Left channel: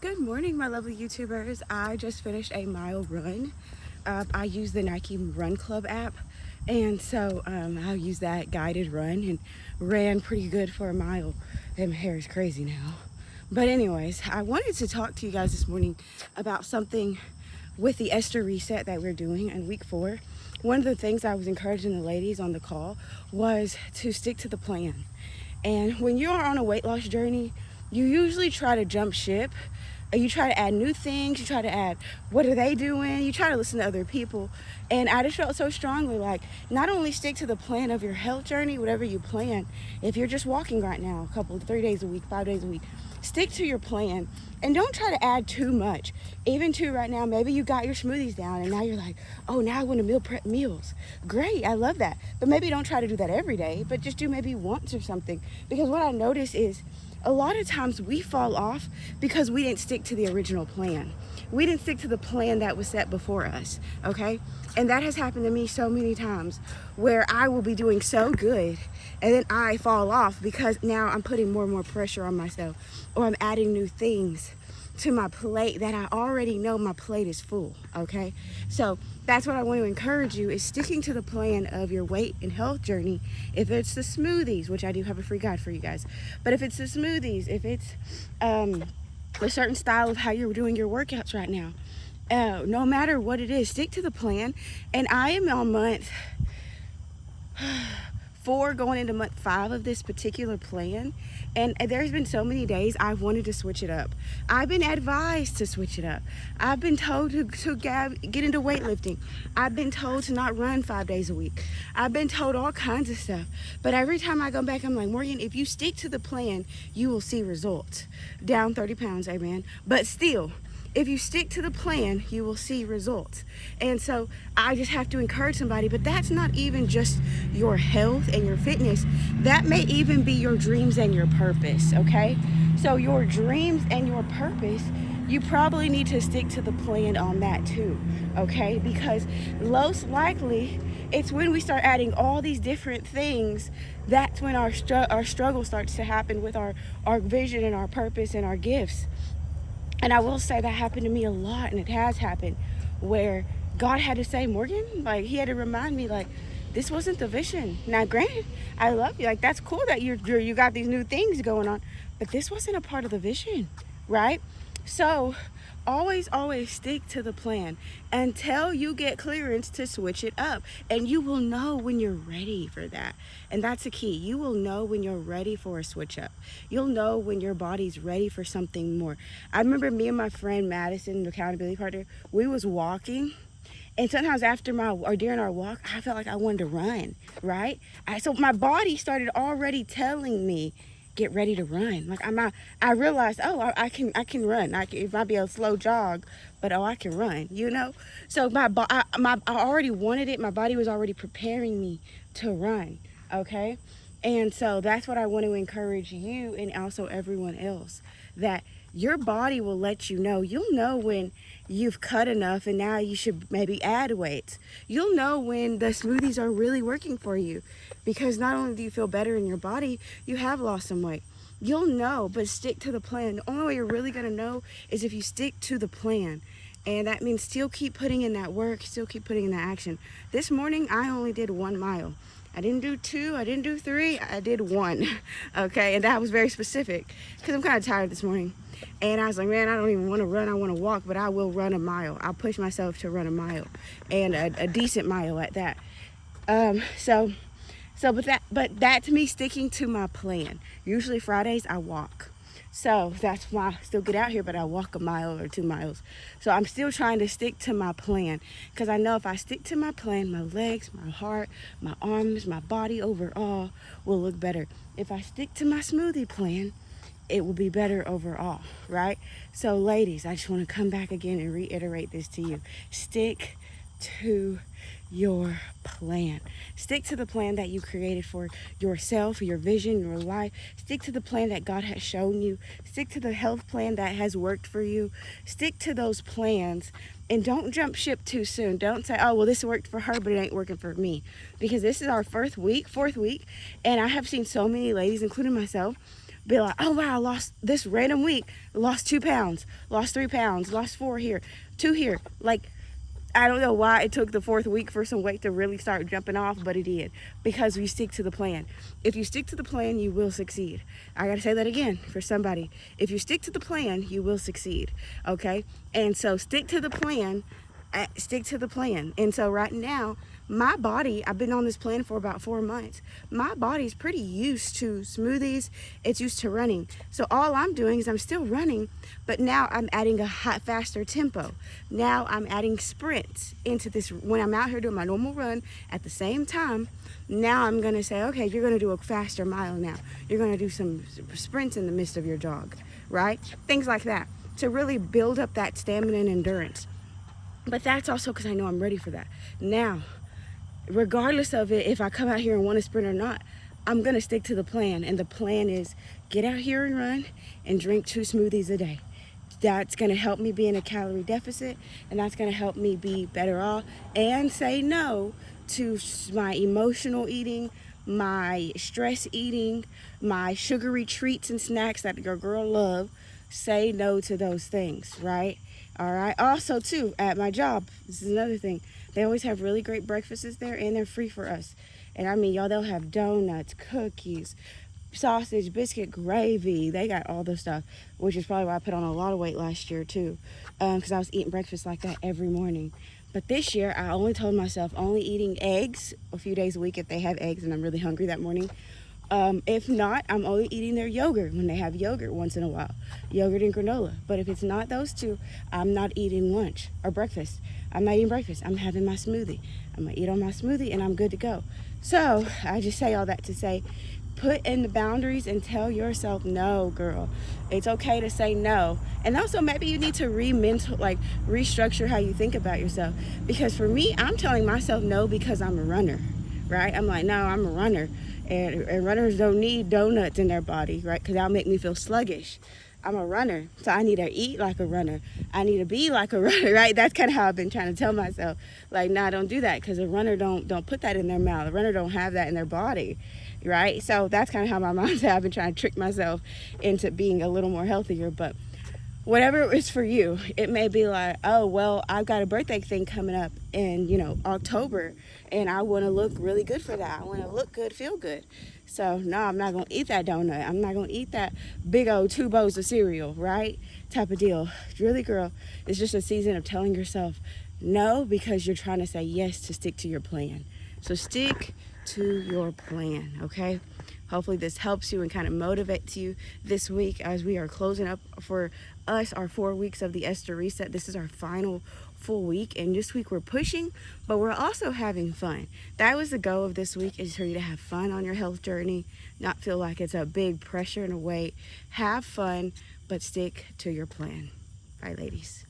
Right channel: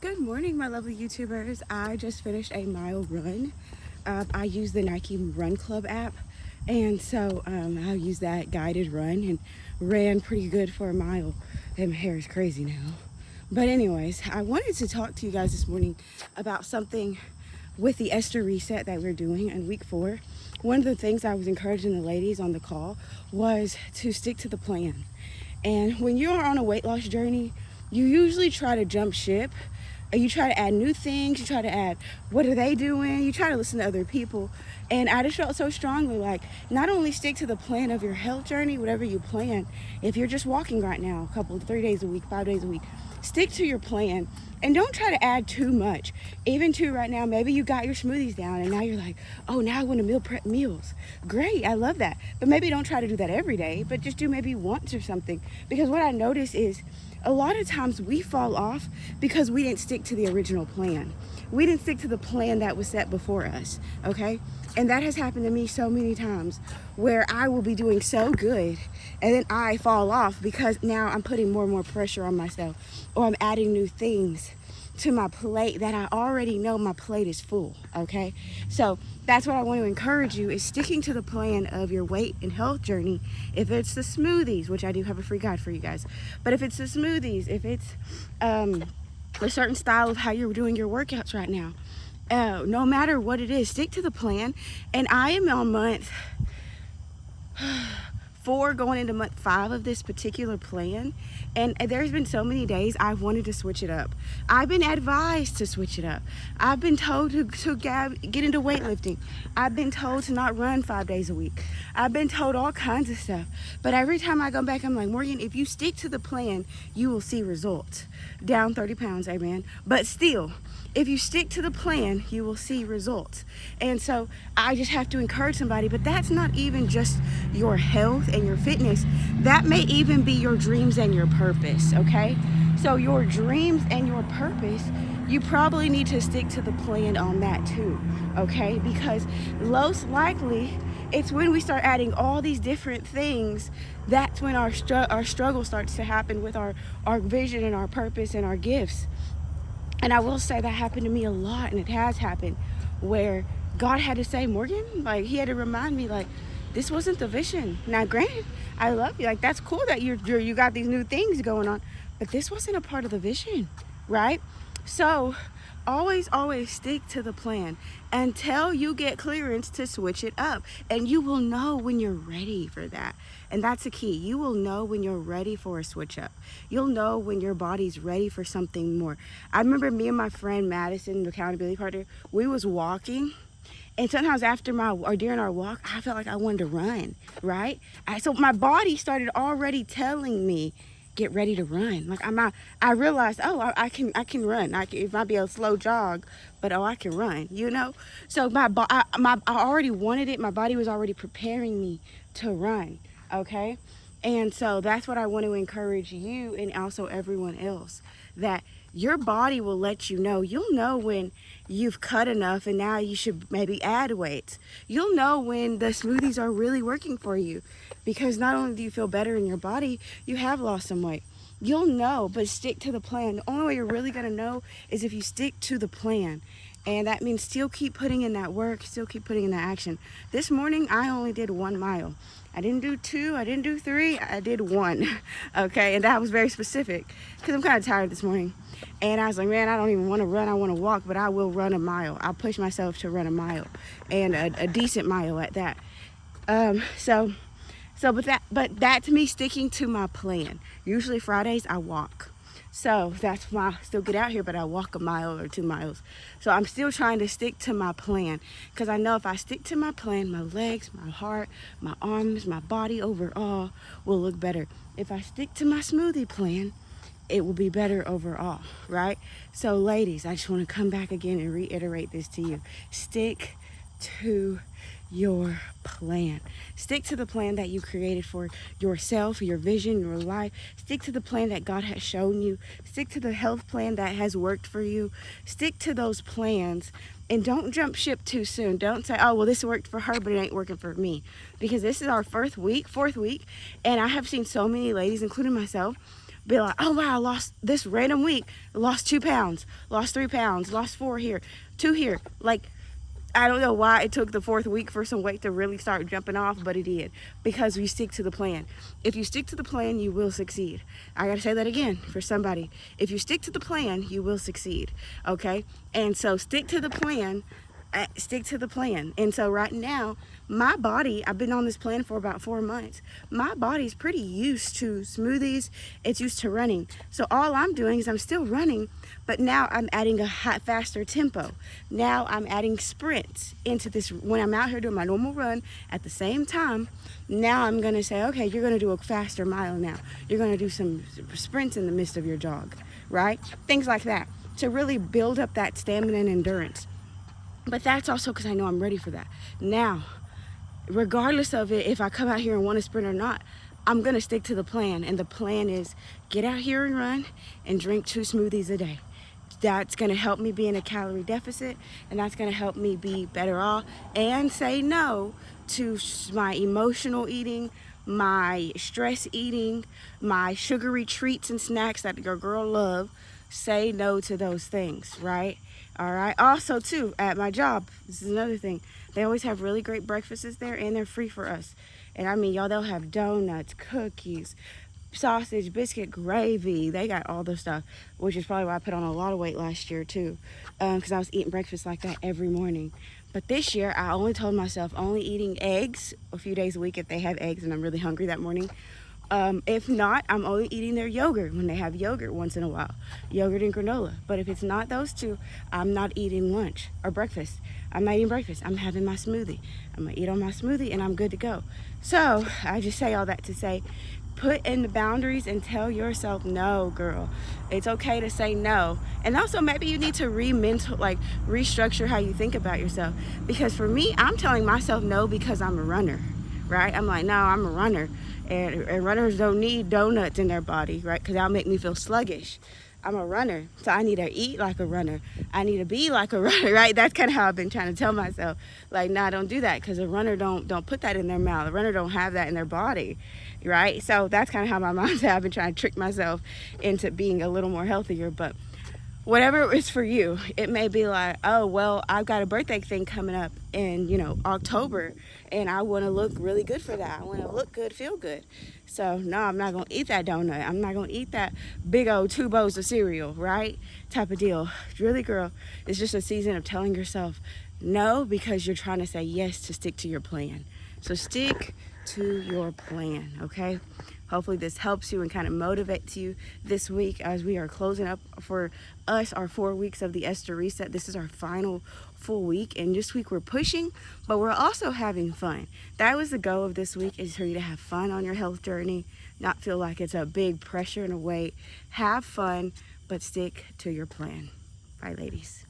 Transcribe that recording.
Good morning, my lovely YouTubers. I just finished a mile run. I use the Nike Run Club app, and so I'll use that guided run and ran pretty good for a mile. And my hair is crazy now. But anyways, I wanted to talk to you guys this morning about something with the Esther reset that we're doing in week 4. One of the things I was encouraging the ladies on the call was to stick to the plan. And when you are on a weight loss journey, you usually try to jump ship. You try to add new things. You try to add, what are they doing? You try to listen to other people. And I just felt so strongly like, not only stick to the plan of your health journey, whatever you plan. If you're just walking right now, 3 days a week, 5 days a week, stick to your plan and don't try to add too much. Even to right now, maybe you got your smoothies down and now you're like, oh, now I want to meal prep meals. Great, I love that. But maybe don't try to do that every day, but just do maybe once or something. Because what I notice is a lot of times we fall off because we didn't stick to the original plan. We didn't stick to the plan that was set before us, okay? And that has happened to me so many times where I will be doing so good and then I fall off because now I'm putting more and more pressure on myself, or I'm adding new things to my plate that I already know my plate is full, okay? So that's what I want to encourage you, is sticking to the plan of your weight and health journey. If it's the smoothies, which I do have a free guide for you guys, but if it's the smoothies, if it's a certain style of how you're doing your workouts right now, no matter what it is, stick to the plan. And I am on month 4 going into month 5 of this particular plan, and there's been so many days I've wanted to switch it up. I've been advised to switch it up. I've been told to get into weightlifting. I've been told to not run 5 days a week. I've been told all kinds of stuff, but every time I go back I'm like, Morgan, if you stick to the plan you will see results. Down 30 pounds, amen, but still, if you stick to the plan, you will see results. And so I just have to encourage somebody, but that's not even just your health and your fitness. That may even be your dreams and your purpose, okay? So your dreams and your purpose, you probably need to stick to the plan on that too, okay? Because most likely, it's when we start adding all these different things, that's when our struggle starts to happen with our vision and our purpose and our gifts. And I will say that happened to me a lot, and it has happened, where God had to say, Morgan, like, he had to remind me, like, this wasn't the vision. Now, granted, I love you. Like, that's cool that you got these new things going on, but this wasn't a part of the vision, right? So always stick to the plan until you get clearance to switch it up, and you will know when you're ready for that. And that's the key. You will know when you're ready for a switch up. You'll know when your body's ready for something more. I remember me and my friend Madison, the accountability partner, we was walking, and sometimes during our walk, I felt like I wanted to run, right? So my body started already telling me, get ready to run. Like I realized, oh, I can run. It might be a slow jog, but I can run, you know? So I already wanted it. My body was already preparing me to run, okay? And so that's what I want to encourage you and also everyone else, that your body will let you know. You'll know when you've cut enough and now you should maybe add weight. You'll know when the smoothies are really working for you, because not only do you feel better in your body, you have lost some weight. You'll know, but stick to the plan. The only way you're really going to know is if you stick to the plan. And that means still keep putting in that work, still keep putting in that action. This morning, I only did 1 mile. I didn't do 2, I didn't do 3, I did 1, okay? And that was very specific because I'm kind of tired this morning. And I was like, man, I don't even want to run, I want to walk, but I will run a mile. I'll push myself to run a mile, and a decent mile at that. But that's me sticking to my plan. Usually Fridays I walk. So that's why I still get out here, but I walk 1 mile or 2 miles. So I'm still trying to stick to my plan, because I know if I stick to my plan, my legs, my heart, my arms, my body overall will look better. If I stick to my smoothie plan, it will be better overall, right? So ladies, I just want to come back again and reiterate this to you. Stick to your plan. Stick to the plan that you created for yourself, your vision, your life. Stick to the plan that God has shown you. Stick to the health plan that has worked for you. Stick to those plans, and don't jump ship too soon. Don't say, oh, well, this worked for her, but it ain't working for me. Because this is our fourth week, and I have seen so many ladies, including myself, be like, oh wow, I lost this random week, lost 2 pounds, lost 3 pounds, lost 4 here, 2 here. Like, I don't know why it took the 4th week for some weight to really start jumping off, but it did, because we stick to the plan. If you stick to the plan, you will succeed. I gotta say that again for somebody. If you stick to the plan, you will succeed, okay? And so stick to the plan, stick to the plan. And so right now, my body, I've been on this plan for about 4 months. My body's pretty used to smoothies. It's used to running. So all I'm doing is I'm still running, but now I'm adding a faster tempo. Now I'm adding sprints into this. When I'm out here doing my normal run at the same time, now I'm gonna say, okay, you're gonna do a faster mile now. You're gonna do some sprints in the midst of your jog, right? Things like that, to really build up that stamina and endurance. But that's also because I know I'm ready for that. Now, regardless of it, if I come out here and want to sprint or not, I'm going to stick to the plan. And the plan is get out here and run and drink 2 smoothies a day. That's going to help me be in a calorie deficit, and that's going to help me be better off and say no to my emotional eating, my stress eating, my sugary treats and snacks that your girl love. Say no to those things, right? All right. Also, too, at my job, this is another thing. They always have really great breakfasts there, and they're free for us. And I mean, y'all, they'll have donuts, cookies, sausage, biscuit, gravy. They got all the stuff, which is probably why I put on a lot of weight last year, too, because I was eating breakfast like that every morning. But this year, I only told myself only eating eggs a few days a week if they have eggs and I'm really hungry that morning. If not, I'm only eating their yogurt when they have yogurt once in a while, yogurt and granola. But if it's not those two, I'm not eating lunch or breakfast. I'm not eating breakfast. I'm having my smoothie. I'm gonna eat on my smoothie and I'm good to go. So I just say all that to say, put in the boundaries and tell yourself no, girl. It's okay to say no. And also maybe you need to restructure how you think about yourself. Because for me, I'm telling myself no because I'm a runner, right? I'm like, no, I'm a runner. And runners don't need donuts in their body, right? Because that'll make me feel sluggish. I'm a runner, so I need to eat like a runner. I need to be like a runner, right? That's kind of how I've been trying to tell myself, like, nah, don't do that, because a runner don't put that in their mouth. A runner don't have that in their body, right? So that's kind of how my mindset. I've been trying to trick myself into being a little more healthier, but whatever is for you. It may be like, oh, well, I've got a birthday thing coming up in, October, and I want to look really good for that. I want to look good, feel good. So, no, I'm not going to eat that donut. I'm not going to eat that big old 2 bowls of cereal, right? Type of deal. Really, girl, it's just a season of telling yourself no because you're trying to say yes to stick to your plan. So stick to your plan, okay? Hopefully this helps you and kind of motivates you this week as we are closing up for us our 4 weeks of the Esther Reset. This is our final full week, and this week we're pushing, but we're also having fun. That was the goal of this week, is for you to have fun on your health journey, not feel like it's a big pressure and a weight. Have fun, but stick to your plan. All right, ladies.